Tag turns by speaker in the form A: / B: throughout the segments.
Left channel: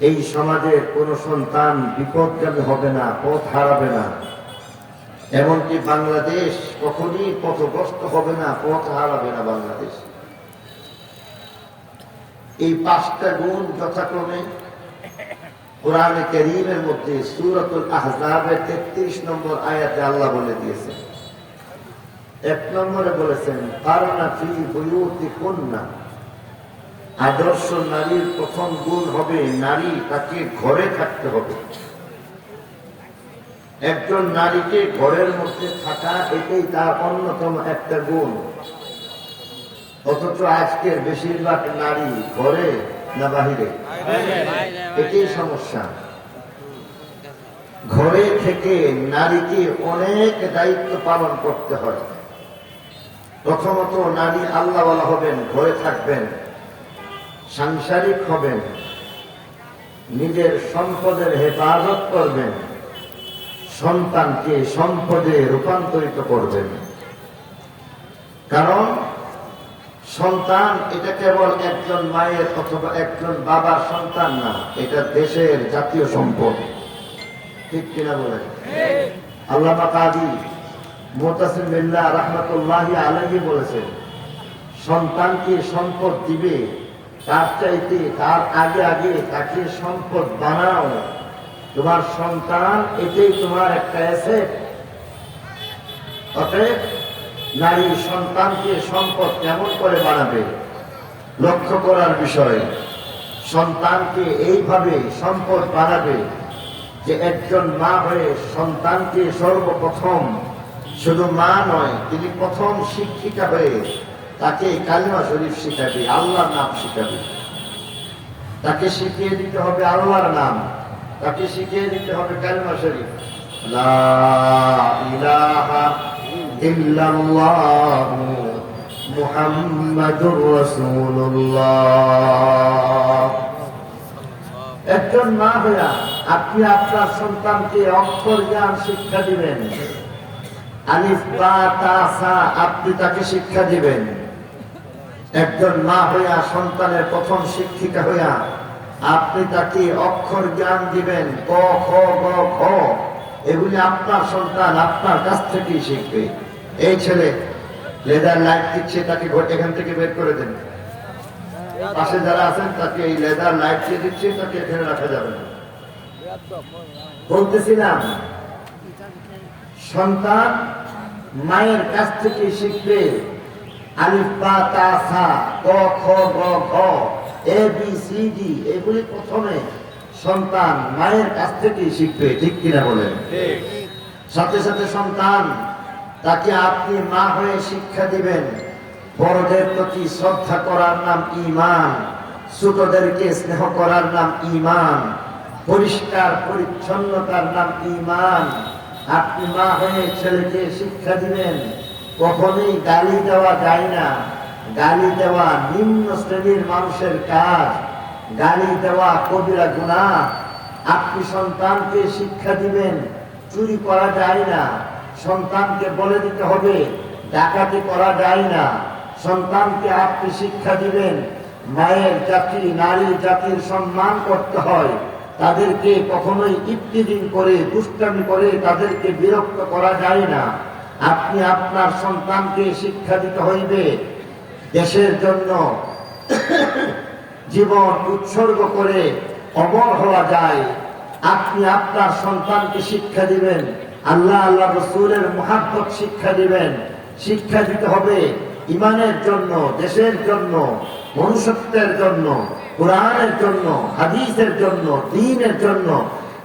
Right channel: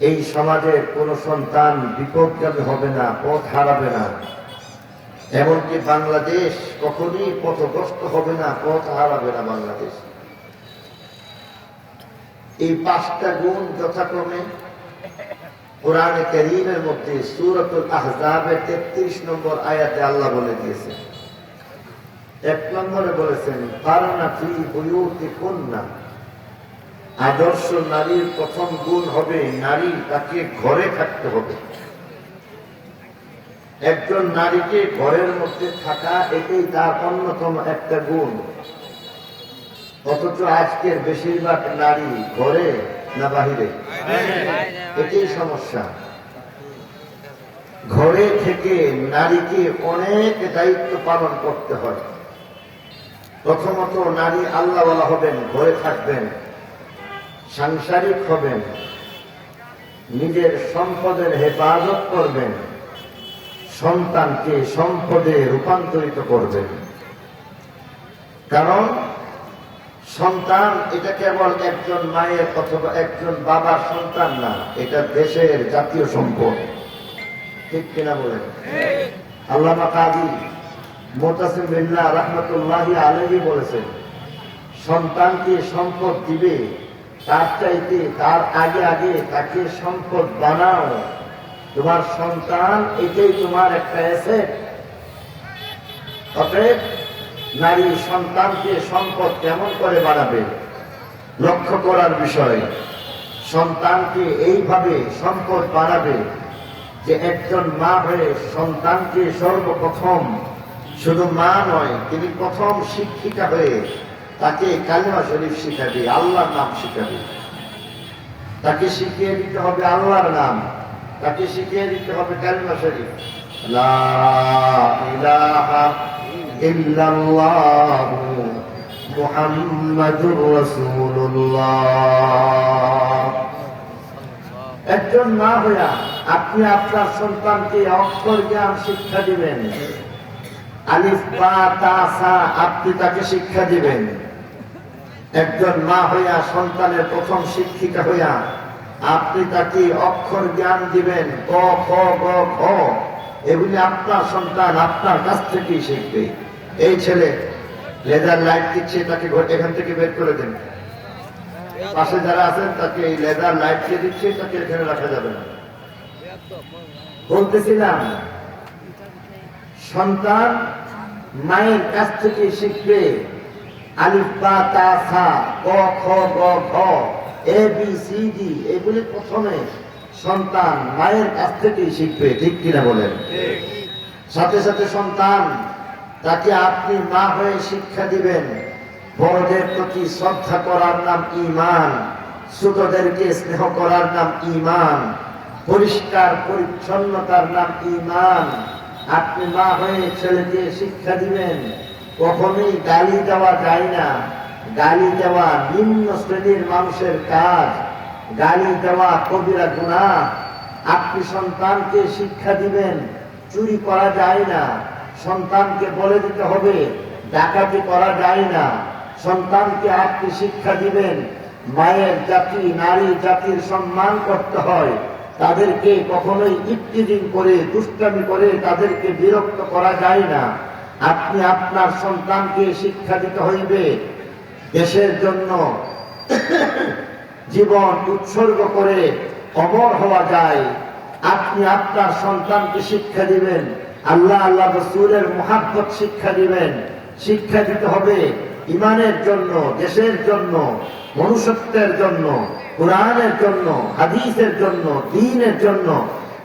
A: এই সমাজের কোন সন্তান বিপদগামী হবে না, পথ হারাবে না। এমনকি বাংলাদেশ কখনই পথগ্রস্ত হবে না, পথ হারাবে না বাংলাদেশ। এই পাঁচটা গুণ যথাক্রমে কোরআনে করিমের মধ্যে সুরতুল আহজাবের তেত্রিশ নম্বর আয়াতে আল্লাহ বলে দিয়েছেন। এক নম্বরে বলেছেন কারণা ফি বইউতি কন্যা আদর্শ নারীর প্রথম গুণ হবে নারী তাকে ঘরে থাকতে হবে। একজন নারীকে ঘরের মধ্যে থাকা এটাই তার অন্যতম একটা গুণ। অথচ আজকের বেশিরভাগ নারী ঘরে না বাহিরে? এটাই সমস্যা। ঘরে থেকে নারীকে অনেক দায়িত্ব পালন করতে হয়। প্রথমত নারী আল্লাহওয়ালা হবেন, ঘরে থাকবেন। সাংসারিক হবেন, নিজের সম্পদের হেফাজত করবেন, সন্তানকে সম্পদে রূপান্তরিত করবেন। কারণ সন্তান এটা কেবল একজন মায়ের অথবা একজন বাবার সন্তান না, এটা দেশের জাতীয় সম্পদ। ঠিক কিনা বলেন? আল্লামা কাদি মোতাসিম বিল্লাহ রহমতুল্লাহ আলহী বলেছেন, সন্তানকে সম্পদ দিবে তার চাইতে, তার আগে আগে তাকে সম্পদ বানাও। তোমার সন্তান, এটাই তোমার একটা অ্যাসেট অতএব নারী সন্তানকে সম্পদ কেমন করে বানাবে? লক্ষ্য করার বিষয়, সন্তানকে এইভাবে সম্পদ বানাবে যে একজন মা হয়ে সন্তানকে সর্বপ্রথম, শুধু মা নয়, তিনি প্রথম শিক্ষিকা হয়ে তাকে কালিমা শরীফ শিখাবে, আল্লাহর নাম শিখাবে। তাকে শিখিয়ে দিতে হবে আল্লাহর নাম। তাকে শিখিয়ে দিতে হবে কালিমা শরীফ। একজন মা হইয়া আপনি আপনার সন্তানকে অক্ষর জ্ঞান শিক্ষা দিবেন। আলিফ, বা, তা আপনি তাকে শিক্ষা দিবেন। একজন মা হইয়া সন্তানের প্রথম শিক্ষিকা হইয়া আপনি তাকে অক্ষর জ্ঞান দিবেন, ক, খ, গ খ এগুলি আপনার সন্তান আপনার কাছ থেকেই শিখবে। এই ছেলে লেদার লাইট দিচ্ছে, তাকে এখান থেকে বের করে দেন। পাশে যারা আছেন, তাকে এই লেদার লাইট দিয়ে দিচ্ছে, তাকে এখানে রাখা যাবে না। বলতেছিলাম, সন্তান মায়ের কাছ থেকে শিখবে। আলিফ বা সা ক খ, গ, ঘ, এ, বি, সি, ডি, এগুলি প্রথমে সন্তান মায়ের কাছ থেকেই শিখবে, ঠিক কিনা বলেন? সাথে সাথে সন্তান, তাকে আপনি মা হয়ে শিক্ষা দিবেন। বড়দের প্রতি শ্রদ্ধা করার নাম ইমান ছোটদেরকে স্নেহ করার নাম ইমান পরিষ্কার পরিচ্ছন্নতার নাম ইমান আপনি মা হয়ে ছেলেকে শিক্ষা দিবেন কখনোই গালি দেওয়া যায় না। গালি দেওয়া নিম্ন শ্রেণির মানুষের কাজ। গালি দেওয়া কবিরা গুণা আপনি সন্তানকে শিক্ষা দিবেন, চুরি করা যায় না। সন্তানকে বলে দিতে হবে, ডাকাতি করা যায় না। সন্তানকে আপনি শিক্ষা দিবেন, মায়ের জাতি, নারী জাতির সম্মান করতে হয়। তাদেরকে কখনোই ইফতিদিন করে, দুষ্টামি করে তাদেরকে বিরক্ত করা যায় না। আপনি আপনার সন্তানকে শিক্ষা দিতে হইবে। দেশের জন্য জীবন উৎসর্গ করে অমর হওয়া যায়। আপনি আপনার সন্তানকে শিক্ষা দিবেন। আল্লাহ আল্লাহ রসুলের মহাব্বত শিক্ষা দিবেন। শিক্ষা দিতে হবে ইমানের জন্য, দেশের জন্য, মনুষ্যত্বের জন্য, কোরআনের জন্য, হাদিসের জন্য, দিনের জন্য।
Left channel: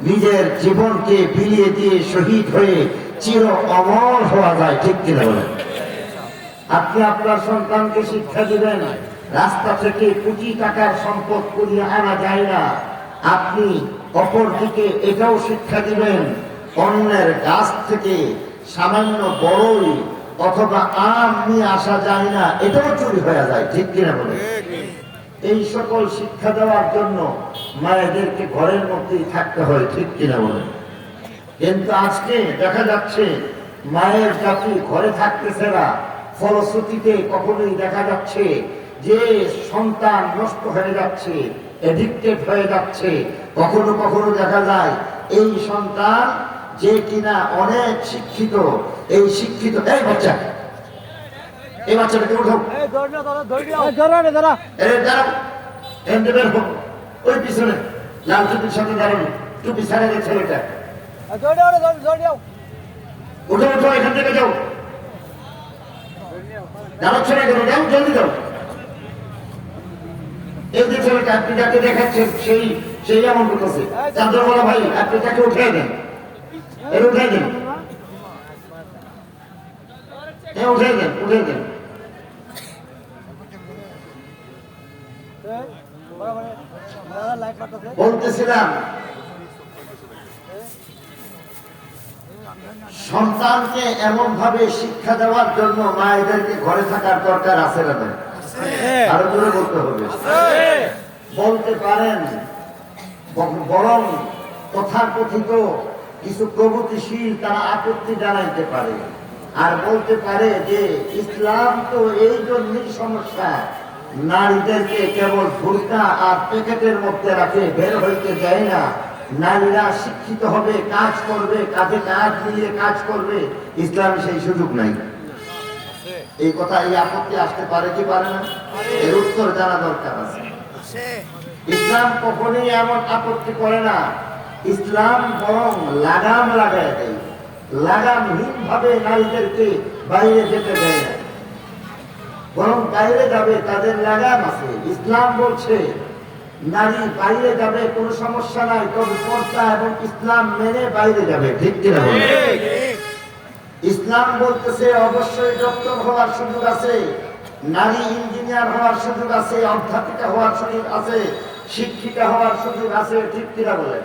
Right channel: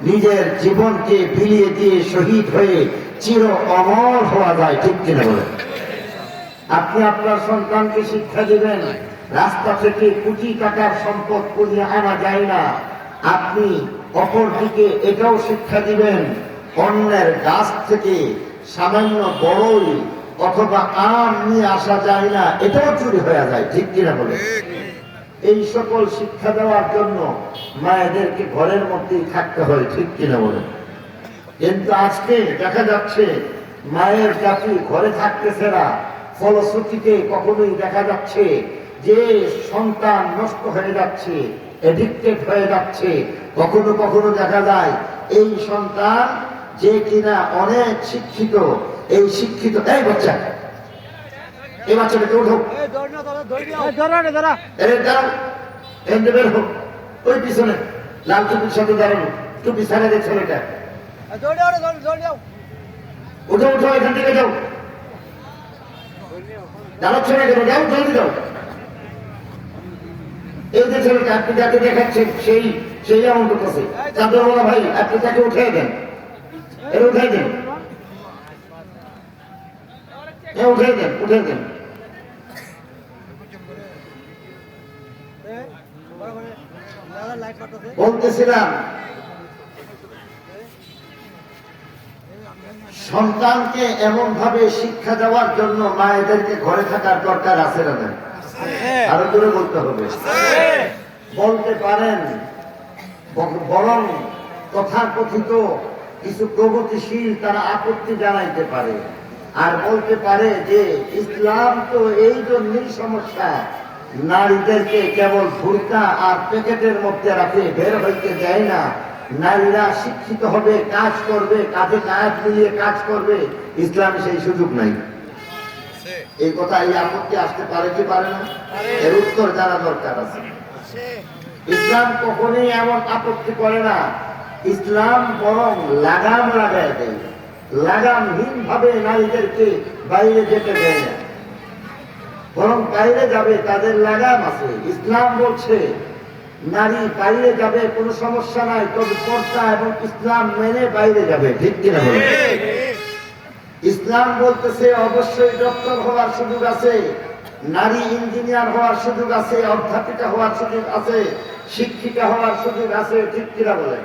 A: নিজের জীবনকে বিলিয়ে দিয়ে শহীদ হয়ে চির অমর হওয়া যায়, ঠিক কিনা আপনি আপনার সন্তানকে শিক্ষা দিবেন, রাস্তা থেকে কোটি টাকার সম্পদ কুড়িয়ে আনা যায় না। আপনি অপর দিকে এটাও শিক্ষা দিবেন, অন্যের গাছ থেকে সামান্য বড়ই অথবা আম নিয়ে আসা যায় না, এটাও চুরি হয়ে যায়, ঠিক কিনা বলে এই সকল শিক্ষা দেওয়ার জন্য মায়েদেরকে ঘরের মধ্যেই থাকতে হয়, ঠিক কিনা বলে কিন্তু আজকে দেখা যাচ্ছে মায়ের জাতি ঘরে থাকতেছে না, ফলশ্রুতিতে কখনোই দেখা যাচ্ছে যে সন্তান নষ্ট হয়ে যাচ্ছে এডিক্টেড হয়ে যাচ্ছে, কখনো কখনো দেখা যায় এই সন্তান যে কিনা অনেক শিক্ষিত, এই শিক্ষিত এই বাচ্চা এই বাচ্চাটাকে উঠো। এর দাও এর বের হোক ওই পিছনে। লাল টুপির সাথে দাঁড়ানো। টুপি ছাড়া যে ছেলেটা। উঠো উঠো এখান থেকে যাও। দাঁড়াচ্ছে না কেন যাও জলদি যাও। এই যে ছেলেটা আপনি যাকে দেখাচ্ছেন সেই সেই এমন করতেছে। চাঁদরওয়ালা ভাই আপনি তাকে উঠে দেন। এর উঠে দেন। উঠে দেন উঠে দেন। বলতেছিলাম। সন্তানকে এমন ভাবে শিক্ষা দেওয়ার জন্য মায়েদেরকে ঘরে থাকার দরকার আছে না আরও জোরে বলতে হবে। বলতে পারেন বরং তথাকথিত কিছু প্রগতিশীল তারা আপত্তি জানাইতে পারে। আর বলতে পারে যে, ইসলাম তো এই জন্যই সমস্যা। নারীদেরকে কেবল ভুরকা আর প্যাকেটের মধ্যে রাখে, বের হইতে দেয় না। নারীরা শিক্ষিত হবে, কাজ করবে কাজে কাজ মিলিয়ে কাজ করবে। ইসলাম সেই সুযোগ নাই। এই কথা এই আপত্তি আসতে পারে কি পারে না? এর উত্তর জানা দরকার আছে। ইসলাম কখনোই এমন আপত্তি করে না। ইসলাম বরং লাগাম লাগায় দেয়। লাগামহীন ভাবে নারীদেরকে বাইরে যেতে দেয় না। বরং বাইরে যাবে, তাদের লাগাম আছে। ইসলাম বলছে, নারী বাইরে যাবে, কোনো সমস্যা নাই, তবে পর্দা এবং ইসলাম মেনে বাইরে যাবে। ঠিক কিনা ইসলাম বলতেছে, অবশ্যই ডক্টর হওয়ার সুযোগ আছে, নারী ইঞ্জিনিয়ার হওয়ার সুযোগ আছে, অধ্যাপিকা হওয়ার সুযোগ আছে, শিক্ষিকা হওয়ার সুযোগ আছে, ঠিক কিনা বলে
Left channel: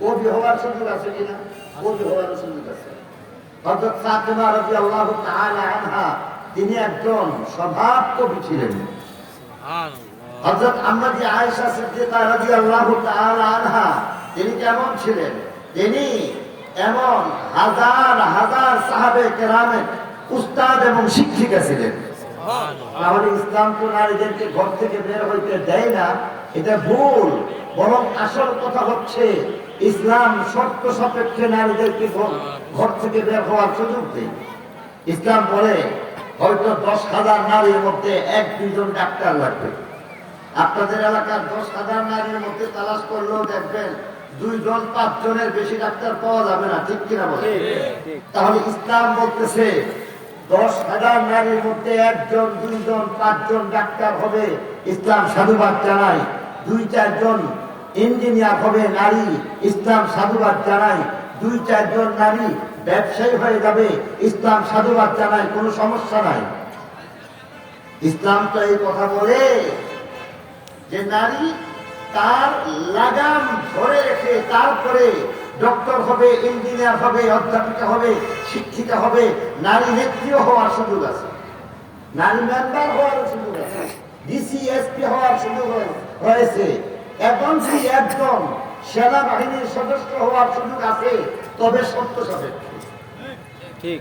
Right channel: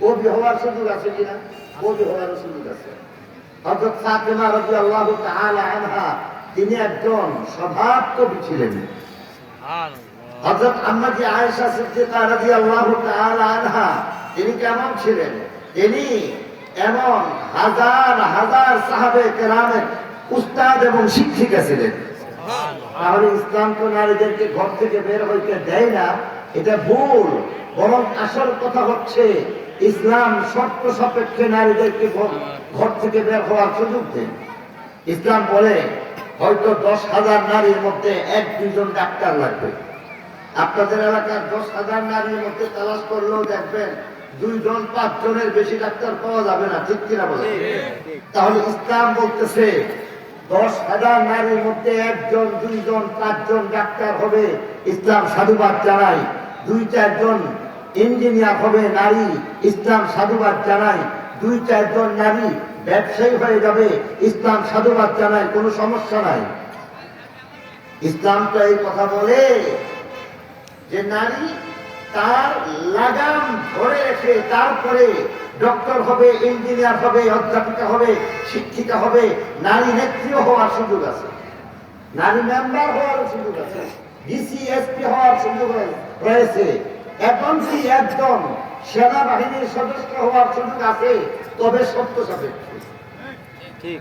A: কবি হওয়ার সুযোগ আছে কিনা? কবি হওয়ার সুযোগ আছে। হযরত ফাতেমা রাদিয়াল্লাহু তাআলা আনহা তিনি একজন স্বভাব কবি ছিলেন। হযরত আম্মাজি আয়েশা সিদ্দিকা আনহা তিনি কেমন ছিলেন? তিনি এমন হাজার হাজার সাহাবে কেরামের উস্তাদ এবং শিক্ষিকা ছিলেন। তাহলে ইসলাম তো নারীদেরকে ঘর থেকে বের হইতে দেয় না এটা ভুল। বরং আসল কথা হচ্ছে ইসলাম শর্ত সাপেক্ষে নারীদেরকে ঘর থেকে বের হওয়ার সুযোগ দেয়। ইসলাম বলে হয়তো দশ হাজার নারীর মধ্যে এক দুইজন ডাক্তার লাগবে। আপনাদের এলাকার দশ হাজার নারীর মধ্যে তালাশ করলেও দেখবেন দুইজন পাঁচজনের বেশি ডাক্তার পাওয়া যাবে না ঠিক কিনা বলে তাহলে ইসলাম বলতেছে দশ হাজার নারীর মধ্যে একজন দুইজন পাঁচজন ডাক্তার হবে ইসলাম সাধুবাদ জানায়। দুই চারজন ইঞ্জিনিয়ার হবে নারী ইসলাম সাধুবাদ জানায়। দুই চারজন নারী ব্যবসায়ী হয়ে যাবে, ইসলাম সাধুবাদ জানায়, কোনো সমস্যা নাই। ইসলাম তো এই কথা বলে যে নারী তার লাগাম ধরে রেখে তারপরে ডক্টর হবে, ইঞ্জিনিয়ার হবে, অধ্যাপিকা হবে শিক্ষিকা হবে, নারী নেত্রীও হওয়ার সুযোগ আছে। নারী মেম্বার হওয়ার সুযোগ আছে, ডিসি, এসপি হওয়ার সুযোগ রয়েছে। এমনকি একজন সেনাবাহিনীর সদস্য হওয়ার সুযোগ আছে তবে সত্য সাপেক্ষে।
B: ঠিক।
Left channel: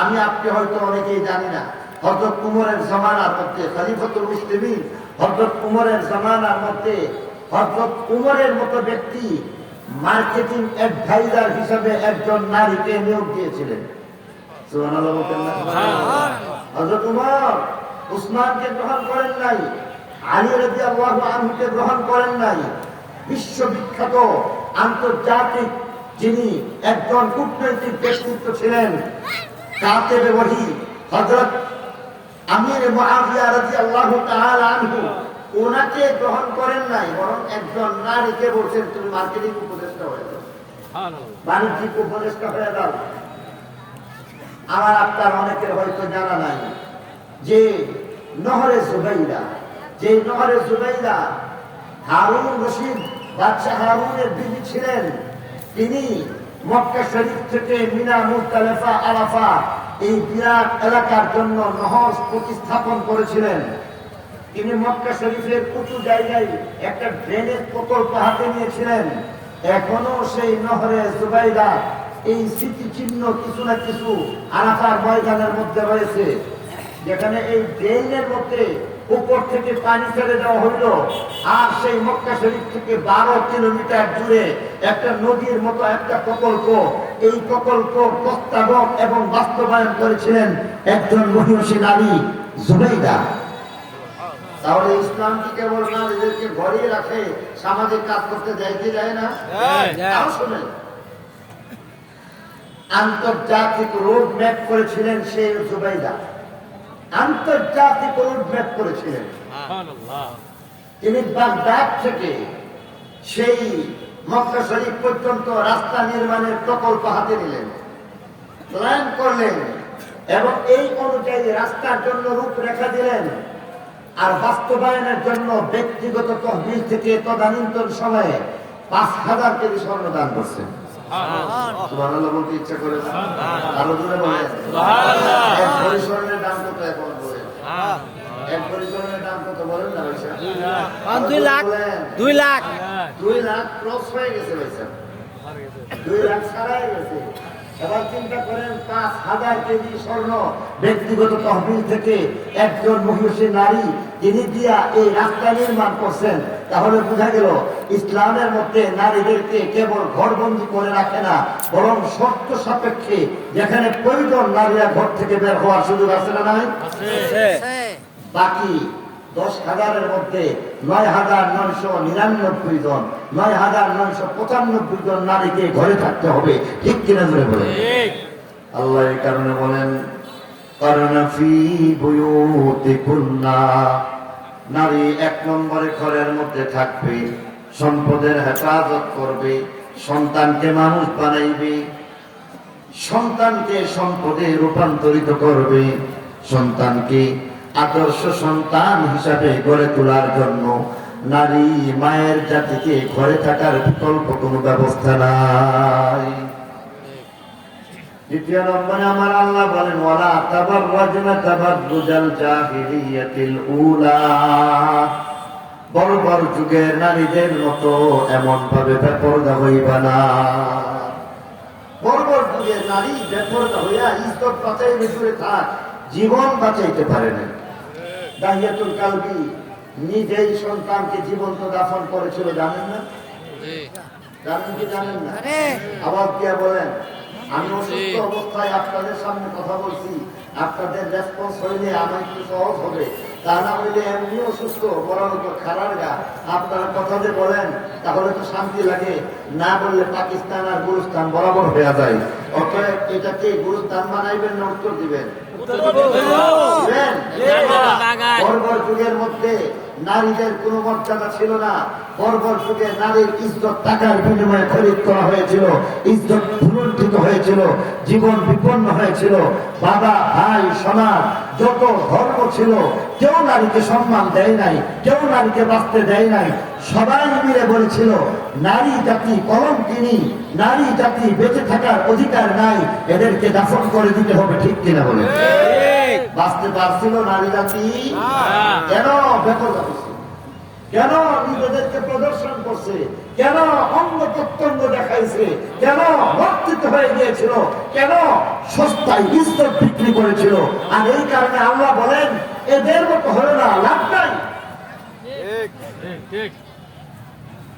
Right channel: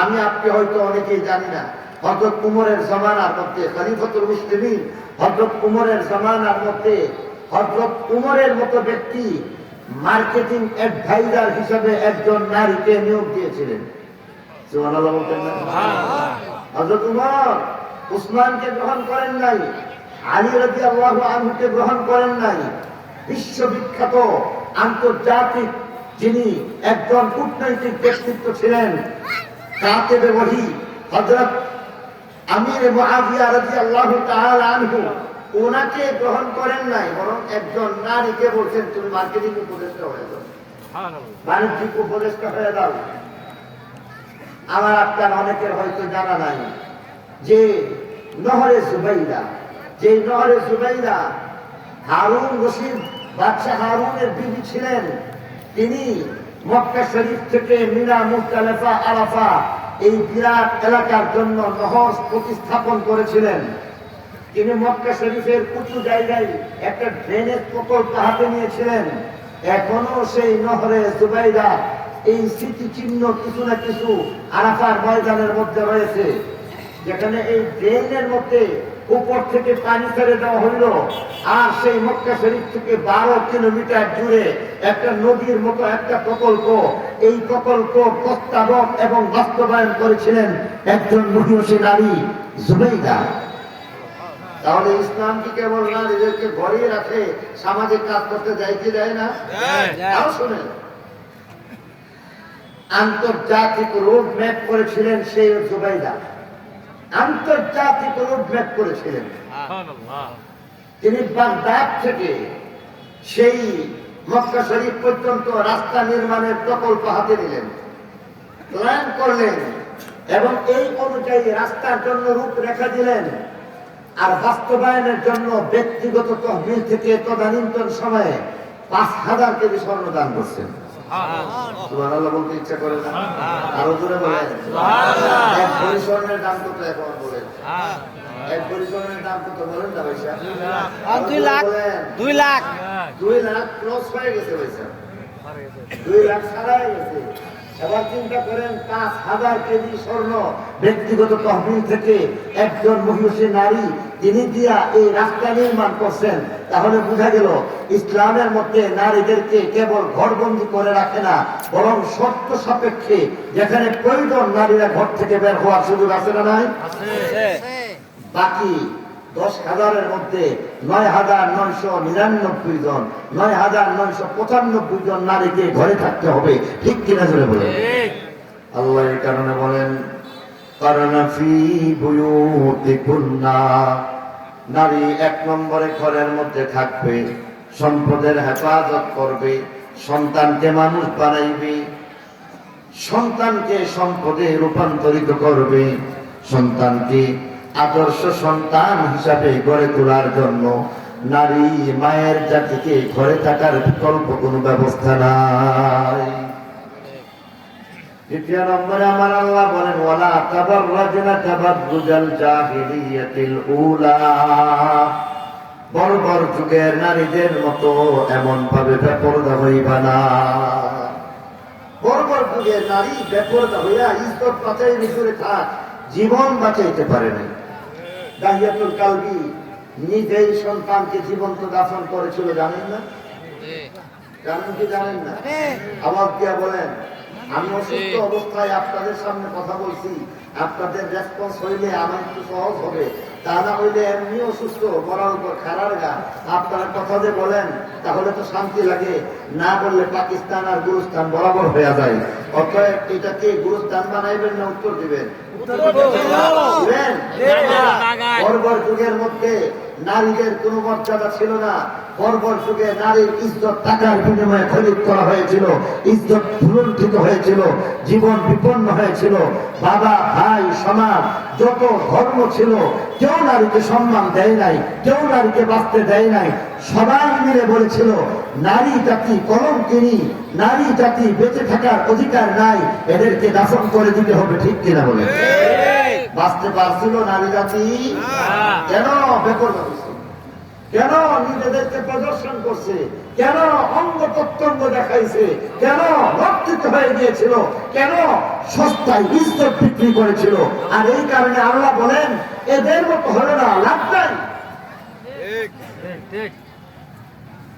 A: আমি আপনি হয়তো অনেকেই জানি না হজরত উমরের জমানার মধ্যে খালিফতুল মুসলিমিন হজরত উমরের জমানার মধ্যে হজরত উমরের মতো ব্যক্তি মার্কেটিং অ্যাডভাইজার হিসেবে একজন নারীকে নিয়োগ দিয়েছিলেন। হজরত উমর উসমানকে গ্রহণ করেন নাই আলী রাজি আল্লাহ আনহুকে গ্রহণ করেন নাই বিশ্ববিখ্যাত আন্তর্জাতিক যিনি একজন কূটনৈতিক ব্যক্তিত্ব ছিলেন কাতেবে ওহি হযরত আমির মুআবিয়া রাদিয়াল্লাহু তাআলা আনহু। ওনাকে গ্রহণ করেন নাই, বরং একজন নারীকে বলছেন, তুমি মার্কেটিং উপদেষ্টা হয়ে বাণিজ্যিক উপদেষ্টা হয়ে দাও আমার আপনার অনেকের হয়তো জানা নাই যে নহরে জুবাইরা যে নহরে জুবাইরা হারুন রশিদ বাদশাহ হারুনের বিবি ছিলেন। তিনি মক্কা শরীফ থেকে মিনা মুক্তালেফা আরাফা এই বিরাট এলাকার জন্য নহজ প্রতিস্থাপন করেছিলেন। তিনি মক্কা শরীফের উঁচু জায়গায় একটা ড্রেনেজ প্রকল্প হাতে নিয়েছিলেন। এখনও সেই নহরে জুবাইদা এই স্মৃতিচিহ্ন কিছু না কিছু আরাফার ময়দানের মধ্যে রয়েছে। যেখানে এই ড্রেনের মধ্যে উপর থেকে পানি ছেড়ে দেওয়া হইল। আর সেই মক্কা শরীফ থেকে বারো কিলোমিটার দূরে একটা নদীর মতো একটা প্রকল্প এই প্রকল্প প্রস্তাবক এবং বাস্তবায়ন করেছিলেন একজন মহিষী নারী জুবেইদা তাহলে ইসলাম কি কেবল নারীদেরকে ঘরে রাখে সামাজিক কাজ করতে যাইতে যায় না? তাও শুনেন। আন্তর্জাতিক রোড ম্যাপ করেছিলেন সেই জুবাইদা আন্তর্জাতিক রোড ম্যাপ করেছিলেন তিনি বাগদাদ থেকে সেই মক্কা শরীফ পর্যন্ত রাস্তা নির্মাণের প্রকল্প হাতে নিলেন প্ল্যান করলেন এবং এই অনুযায়ী রাস্তার জন্য রূপরেখা দিলেন আর বাস্তবায়নের জন্য ব্যক্তিগত তহবিল থেকে তদানীন্তন সময়ে পাঁচ হাজার কেজি স্বর্ণ দান করছেন। সুবহানাল্লাহ বলতে ইচ্ছা করে না। আরও দূরে বলেন। এক ভরি স্বর্ণের দাম কত এখন বলেন? এক ভরি স্বর্ণের দাম কত বলেন না পয়সা
B: দুই লাখ দুই লাখ।
A: দুই লাখ ক্রস হয়ে গেছে পয়সা দুই লাখ ছাড়াই গেছে। এবার চিন্তা করেন পাঁচ হাজার কেজি স্বর্ণ ব্যক্তিগত তহবিল থেকে একজন মহিষী নারী তিনি দিয়া এই রাস্তা নির্মাণ করছেন তাহলে বোঝা গেল ইসলামের মধ্যে নারীদেরকে কেবল ঘরবন্দি করে রাখে না বরং শর্ত সাপেক্ষে যেখানে প্রয়োজন নারীরা ঘর থেকে বের হওয়ার সুযোগ আছে না নাই? বাকি দশ হাজারের মধ্যে নয় হাজার নয়শো নিরানব্বই জন নয় হাজার নয়শো পঁচানব্বই জন নারীকে ঘরে থাকতে হবে। ঠিক কিনা ধরে বলে আল্লাহ এই কারণে বলেন কুন্না নারী এক নম্বরে ঘরের মধ্যে থাকবে সম্পদের হেফাজত করবে সন্তানকে মানুষ বানাইবে সন্তানকে সম্পদে রূপান্তরিত করবে সন্তানকে আদর্শ সন্তান হিসাবে গড়ে তোলার জন্য নারী মায়ের জাতিকে ঘরে থাকার বিকল্প কোনো ব্যবস্থা নাই। দ্বিতীয় নম্বরে আমার আল্লাহ বলেন, ওয়ালা তাবার রাজনা তাবার রুজাল জাহিলিয়াতিল উলা। বড় যুগের নারীদের মতো এমন ভাবে হইবা না। বড় যুগের নারী বেপরদা হইয়া ইজ্জত ভিতরে থাক, জীবন বাঁচাইতে পারে নাই। দাহিয়াতুল কালবি নিজেই সন্তানকে জীবন্ত দাফন করেছিল জানেন না? জানেন কি জানেন না? আবার দিয়া বলেন আমি অসুস্থ অবস্থায় আপনাদের সামনে কথা বলছি আপনাদের রেসপন্স হইলে আমার একটু সহজ হবে। তা না হইলে এমনি অসুস্থ বলার উপর খারার গা। আপনারা কথা যে বলেন তাহলে তো শান্তি লাগে। না বললে পাকিস্তান আর বরাবর হয়ে যায়। অতএব এটাকে গুরুস্তান বানাইবেন না উত্তর দিবেন? যুগের মধ্যে নারীদের কোন মর্যাদা ছিল না। বর্বর যুগে নারীর ইজ্জত টাকার বিনিময়ে খরিদ করা হয়েছিল। ইজ্জত ভুলুণ্ঠিত হয়েছিল। জীবন বিপন্ন হয়েছিল। বাবা, ভাই, সমাজ, যত ধর্ম ছিল, কেউ নারীকে সম্মান দেয় নাই, কেউ নারীকে বাঁচতে দেয় নাই। সবাই মিলে বলেছিল, নারী জাতি কলম কিনি নারী জাতি বেঁচে থাকার অধিকার নাই। এদেরকে দাফন করে দিতে হবে ঠিক কিনা বলে। বাঁচতে পারছিল নারী জাতি? কেন হয়েছে? কেন নিজেদেরকে প্রদর্শন করছে? কেন অঙ্গ প্রত্যঙ্গ দেখাইছে? কেন রক্ষিত হয়ে গিয়েছিল? কেন সস্তায় ইজ্জত বিক্রি করেছিল? আর এই কারণে আল্লাহ বলেন, এদের মতো হলো না, লাভ নাই।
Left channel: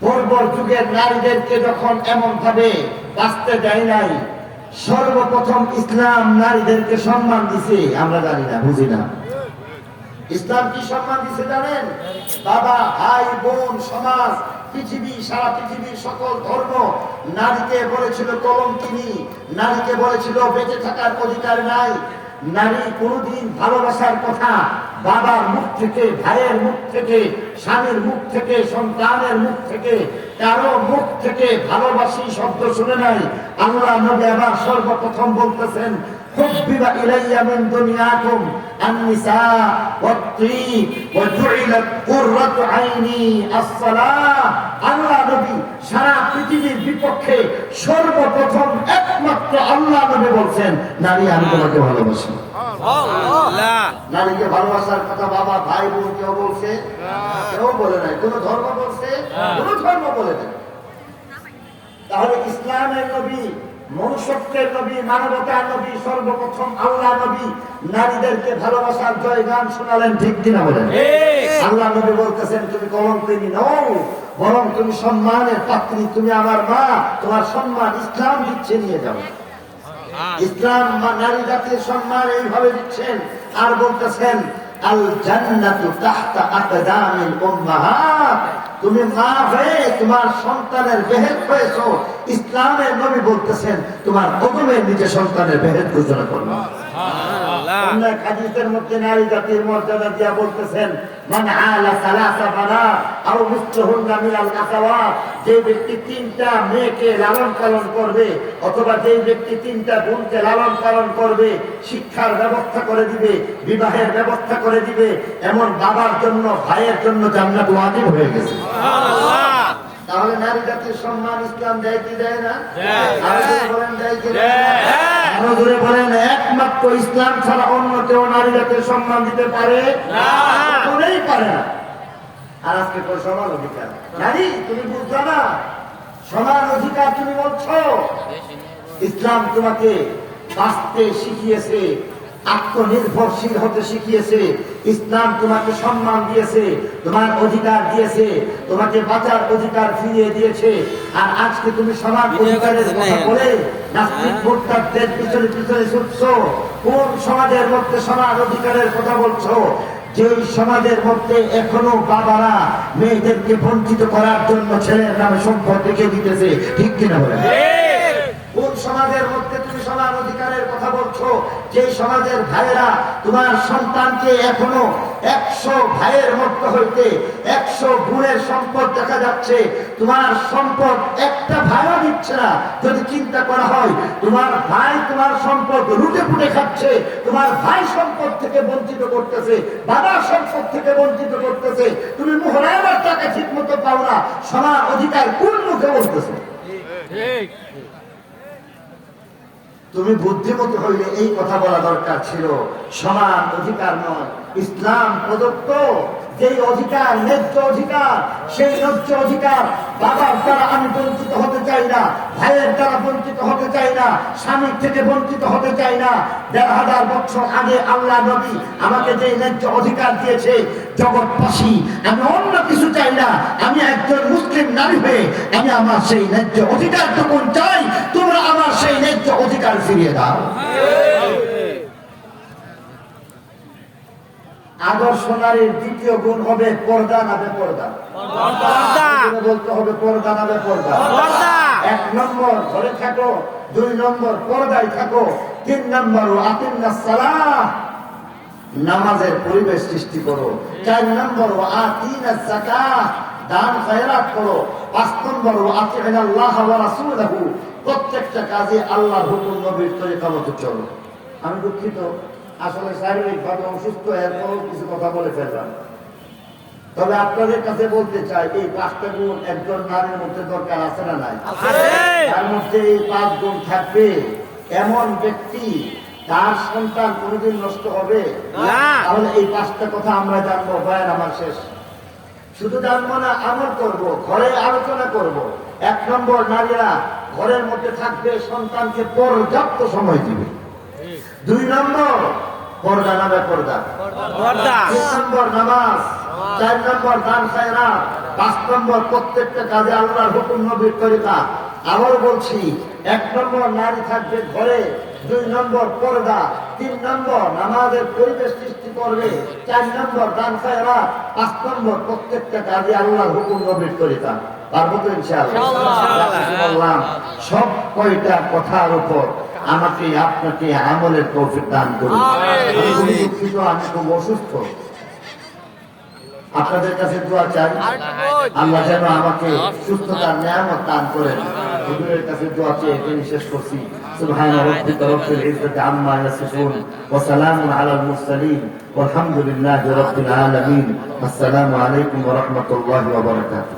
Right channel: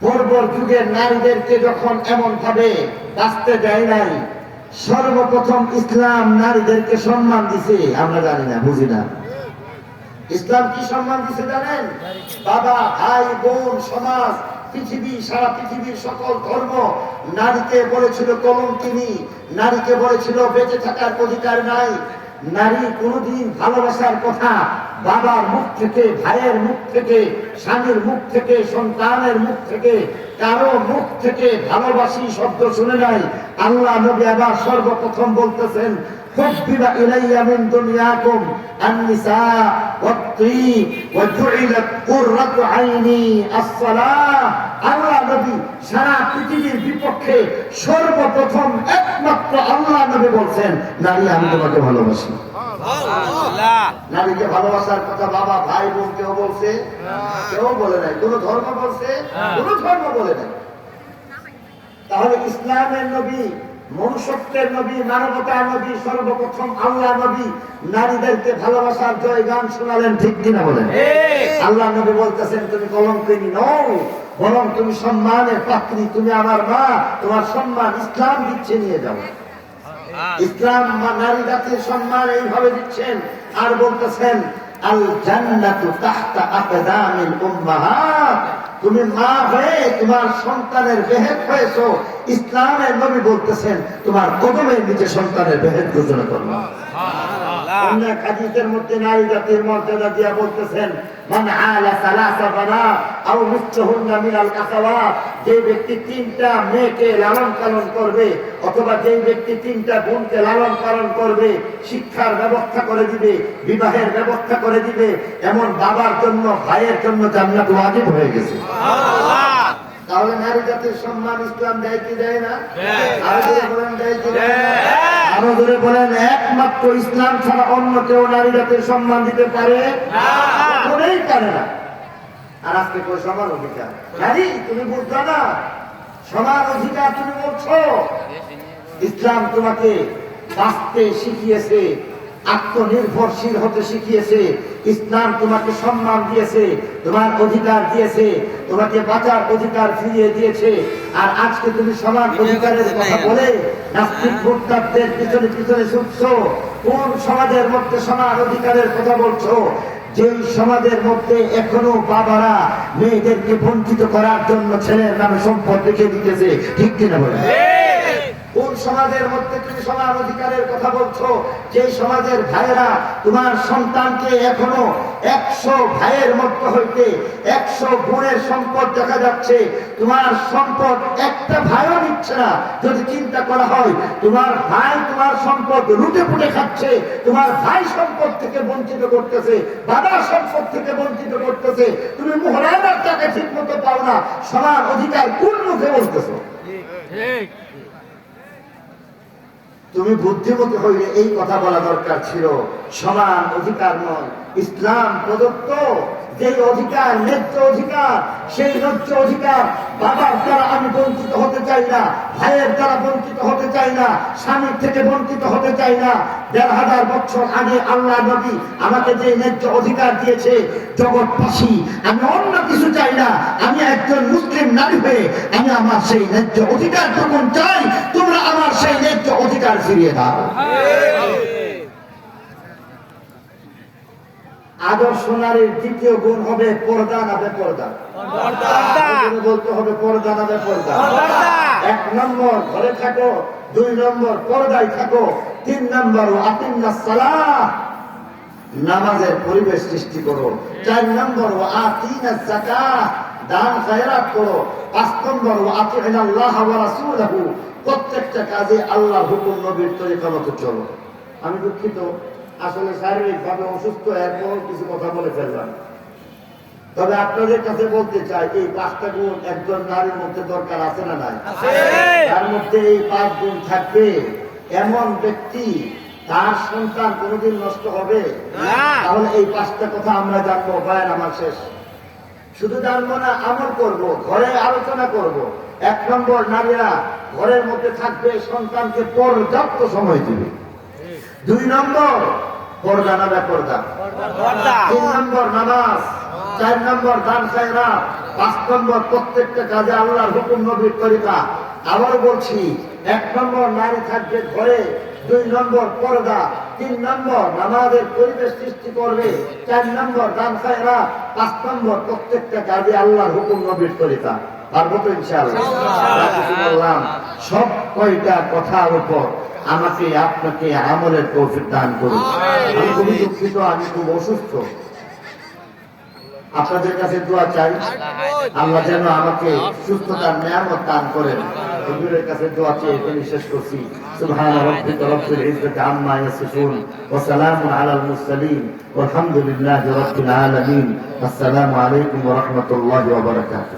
A: পর্বর যুগের নারীদেরকে যখন এমন ভাবে বাঁচতে দেয় নাই সর্বপ্রথম ইসলাম নারীদেরকে সম্মান দিছে, আমরা জানি না, বুঝি না। ইসলাম কি সম্মান দিছে জানেন? বাবা, ভাই, বোন, সমাজ, পৃথিবী, সারা পৃথিবীর সকল ধর্ম নারীকে বলেছিল কলম কলঙ্কিনী, নারীকে বলেছিল বেঁচে থাকার অধিকার নাই। নারী কোনোদিন ভালোবাসার কথা বাবার মুখ থেকে, ভাইয়ের মুখ থেকে, স্বামীর মুখ থেকে, সন্তানের মুখ থেকে, কারও মুখ থেকে ভালোবাসি শব্দ শুনে নাই। আল্লাহ নবী আবার সর্বপ্রথম বলতেছেন حبب إلي من دنياكم النساء والطيب وجعلت قرة عيني الصلاة আল্লাহ নবী সারা পৃথিবীর বিপক্ষে সর্বপ্রথম একমাত্র আল্লাহ নবী বলছেন নারী আমি তোমাকে ভালোবাসি নারীকে ভালোবাসার কথা বাবা ভাই বোন কেউ বলছে কেউ বলে নাই কোন ধর্ম বলছে কোন ধর্ম বলে নাই তাহলে ইসলামের নবী মনুষ্যত্বের নবী মানবতার নবী সর্বপ্রথম আল্লাহ নবী নারীদেরকে ভালোবাসার জয় গান শোনালেন ঠিক কিনা বলেন? আল্লাহ নবী বলতেছেন তুমি কলঙ্কিনী নও বরং তুমি সম্মানের পাত্রী তুমি আমার মা তোমার সম্মান ইসলাম দিচ্ছে নিয়ে যাবে ইসলাম বা নারী জাতির সম্মান এইভাবে দিচ্ছেন আর বলতেছেন আল জান্নাতু তাহতা আকদামিল উম্মাহাত তুমি মা হয়ে তোমার সন্তানের বেহেদ হয়েছো। ইসলামের নবী বলতেছেন, তোমার কদমের নিচে সন্তানের বেহেদ ঘোষণা করবা অন্য হাদিসের মধ্যে নারী জাতির মর্যাদা দিয়া বলতেছেন মান আলা সালাসা বানা আও মিসলুহুন্না মিনাল কাসাওয়াত যে ব্যক্তি তিনটা মেয়েকে লালন পালন করবে অথবা যে ব্যক্তি তিনটা লালন পালন করবে শিক্ষার ব্যবস্থা করে দিবে বিবাহের ব্যবস্থা করে দিবে এমন বাবার জন্য ভাইয়ের জন্য জান্নাত ওয়াজিব হয়ে গেছে। তাহলে নারী জাতির সম্মান ইসলাম দেয় কি দেয় না? আরও বলেন দেয় কি দেয় না? আরও জোরে বলেন একমাত্র ইসলাম ছাড়া অন্য কেউ নারী জাতির সম্মান দিতে পারে? করেই পারে না। আর আজকে কই সমান অধিকার? নারী তুমি বুঝছ না? সমান অধিকার তুমি বলছো। ইসলাম তোমাকে বাঁচতে শিখিয়েছে। আত্মনির্ভরশীল হতে শিখিয়েছে। ইসলাম তোমাকে সম্মান দিয়েছে তোমার অধিকার দিয়েছে তোমাকে বাঁচার অধিকার ফিরিয়ে দিয়েছে। আর আজকে তুমি সমান অধিকারের কথা বলে নাস্তিক ভোক্তাদের পিছনে পিছনে ছুটছো। কোন সমাজের মধ্যে সমান অধিকারের কথা বলছো? যে সমাজের মধ্যে এখনও বাবারা মেয়েদেরকে বঞ্চিত করার জন্য ছেলের নামে সম্পদ রেখে দিতেছে ঠিক কিনা বলে? কোন সমাজের মধ্যে অধিকারের কথা বলছো, যে সমাজের ভাইয়েরা তোমার সন্তানকে এখনও একশো ভাইয়ের মধ্যে হইতে, একশো গুণের সম্পদ দেখা যাচ্ছে, তোমার সম্পদ একটা ভাইও দিচ্ছে না। যদি চিন্তা করা হয়, তোমার ভাই তোমার সম্পদ লুটে ফুটে খাচ্ছে, তোমার ভাই সম্পদ থেকে বঞ্চিত করতেছে, বাবা সম্পদ থেকে বঞ্চিত করতেছে, তুমি মোহরাবার টাকা ঠিক মতো পাও না সমান অধিকার কোন মুখে বলতেছে? তুমি বুদ্ধিমতী হইলে এই কথা বলা দরকার ছিল। সমান অধিকার নয়। ইসলাম প্রদত্ত যে অধিকার, ন্যায্য অধিকার, সেই ন্যায্য অধিকার বাবার দ্বারা আমি বঞ্চিত হতে চাই না, ভাইয়ের দ্বারা বঞ্চিত হতে চাই না, স্বামীর থেকে বঞ্চিত হতে চাই না। দেড় হাজার বছর আগে আল্লাহ নবী আমাকে যে ন্যায্য অধিকার দিয়েছে জগৎবাসী আমি অন্য কিছু চাই না। আমি একজন মুসলিম নারী হয়ে আমি আমার সেই ন্যায্য অধিকার যখন চাই, তোমরা আমার সেই ন্যায্য অধিকার ফিরিয়ে দাও। আদর্শ নারীর দ্বিতীয় গুণ হবে পর্দা না বেপর্দা? বলতে হবে পর্দা না বেপর্দা। এক নম্বর ঘরে থাকো দুই নম্বর পর্দায় থাকো তিন নম্বর আতিন্না সালাহ। নামাজের পরিবেশ সৃষ্টি করো। চার নম্বর ও আতিনা দান খায়রাত করো। পাঁচ নম্বর ও আতিন আল্লাহ ওয়া রাসূলহু। প্রত্যেকটা কাজে আল্লাহর হুকুম নবীর তরিকা মতো চলো। আমি দুঃখিত। আসলে শারীরিক ভাবে অসুস্থ এরপরও কিছু কথা বলে ফেললাম। তবে আপনাদের কাছে বলতে চাই এই পাঁচটা গুণ একজন নারীর মধ্যে দরকার আছে না নাই? তার মধ্যে এই পাঁচ গুণ থাকবে। এমন ব্যক্তি তার সন্তান কোনোদিন নষ্ট হবে? তাহলে এই পাঁচটা কথা আমরা জানব বয়ান আমার শেষ। শুধু জানব না আমল করব ঘরে আলোচনা করব। এক নম্বর নারীরা ঘরের মধ্যে থাকবে সন্তানকে পর্যাপ্ত সময় দিবে। দুই নম্বর পর্দা না
B: পর্দা।
A: তিন নম্বর নামাজ। চার নম্বর দান খায়রা। পাঁচ নম্বর প্রত্যেকটা কাজে আল্লাহর হুকুম নবীর তরিকা। আবার বলছি এক নম্বর নারী থাকবে ঘরে দুই নম্বর পর্দা তিন নম্বর নামাজের পরিবেশ সৃষ্টি করবে চার নম্বর দান খায়রা পাঁচ নম্বর প্রত্যেকটা কাজে আল্লাহর হুকুম নবীর তরিকা। পারবো তো ইনশাআল্লাহ যা কিছু বললাম সব কয়টা কথার উপর আমাকে আপনাকে আমলের তৌফিক দান করুন আমি খুবই দুঃখিত আমি খুব অসুস্থ আপনাদের কাছে দোয়া চাই আল্লাহ যেন আমাকে সুস্থতার নিয়ামত দান করেন হুজুরের কাছে দোয়া চেয়ে এখানে শেষ করছি سبحان ربك رب العزة عما يصفون وسلام على المرسلين والحمد لله رب العالمين السلام عليكم ورحمة الله وبركاته